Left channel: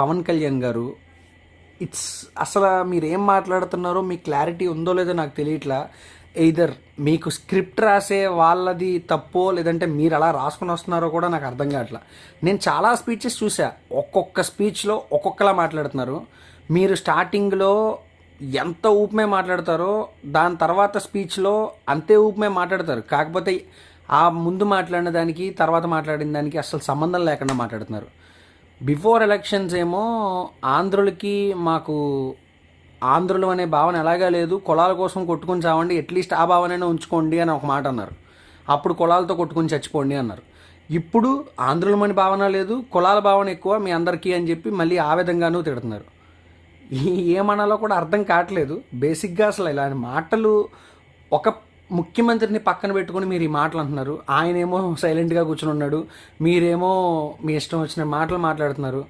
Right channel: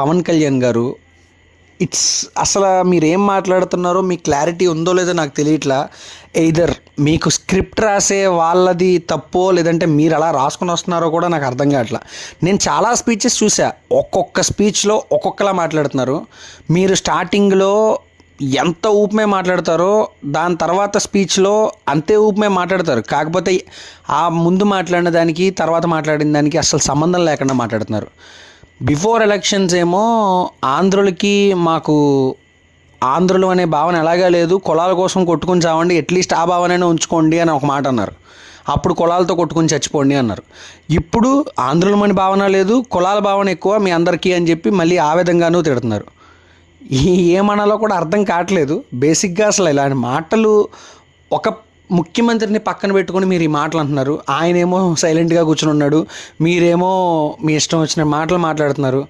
పవన్ కళ్యాణ్ గారు అసలు మీరేం మాట్లాడుతున్నారో మీకు క్లారిటీ ఉందో లేదో నాకు తెలియట్లా. ఎయిదర్ మీకు స్క్రిప్ట్ రాసే వాళ్ళది తప్పో లేదంటే మీరు అలా రాసుకుని వస్తున్నారో కూడా నాకు అర్థం కావట్లా. నేను చాలా స్పీచెస్ చూసా, ఒక్కొక్క స్పీచ్లో ఒక్కొక్కలా మాట్లాడుతున్నారు. మీరు స్టార్టింగ్లో ఎంత ఊపమే మాట్లాడతారో దాని తర్వాత స్పీచ్లో అంతే ఊపమే మాట్లాడతారు. కాకపోతే ఆ ముందు మాట్లాడిన దానికి తర్వాత మాట్లాడిన దానికి అసలు సంబంధం లేకుండా మాట్లాడుతున్నారు. బిఫోర్ ఎలక్షన్స్ ఏమో ఆంధ్రులకి మాకు ఆంధ్రులు అనే భావన ఎలాగా లేదు, కులాల కోసం కొట్టుకుని చావండి, అట్లీస్ట్ ఆ భావనైనా ఉంచుకోండి అని ఒక మాట అన్నారు. అప్పుడు కులాలతో కొట్టుకుని చచ్చిపోండి అన్నారు. ఇప్పుడు ఆంధ్రులమని భావన లేదు, కులాల భావన ఎక్కువ మీ అందరికీ అని చెప్పి మళ్ళీ ఆ విధంగానూ తిడుతున్నారు. ఏమనాలో కూడా అర్థం కావట్లేదు. బేసిక్గా అసలు ఇలాంటి మాటలు ఒక ముఖ్యమంత్రిని పక్కన పెట్టుకొని మీరు ఈ మాటలు అంటున్నారు. ఆయనేమో సైలెంట్గా కూర్చుని ఉన్నాడు, మీరేమో మీ ఇష్టం వచ్చిన మాటలు మాట్లాడుతున్నారు.